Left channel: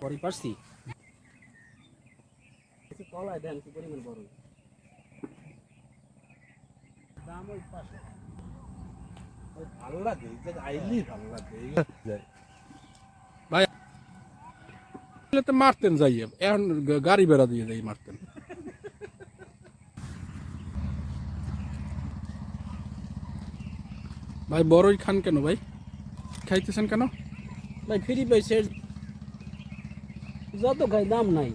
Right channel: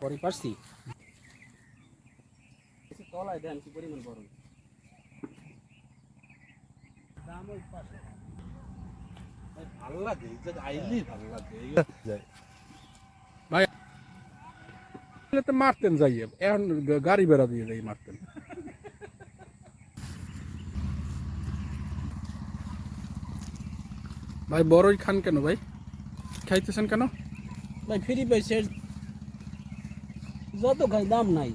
পরে পারছি কলাই দেন কি পরিমাণ বড় দাম ওই পাশে ভালো লাগে আইলি ভালো লাগে ভাই তো মারতেন যাই এখন গাড়ি বেড়া দিয়ে যাই মারতেন ভাই বড়ই খান কেন ভাই খাইতেছেন কেন ভাই ফ্রি পাইছে যত খাই দাম নাই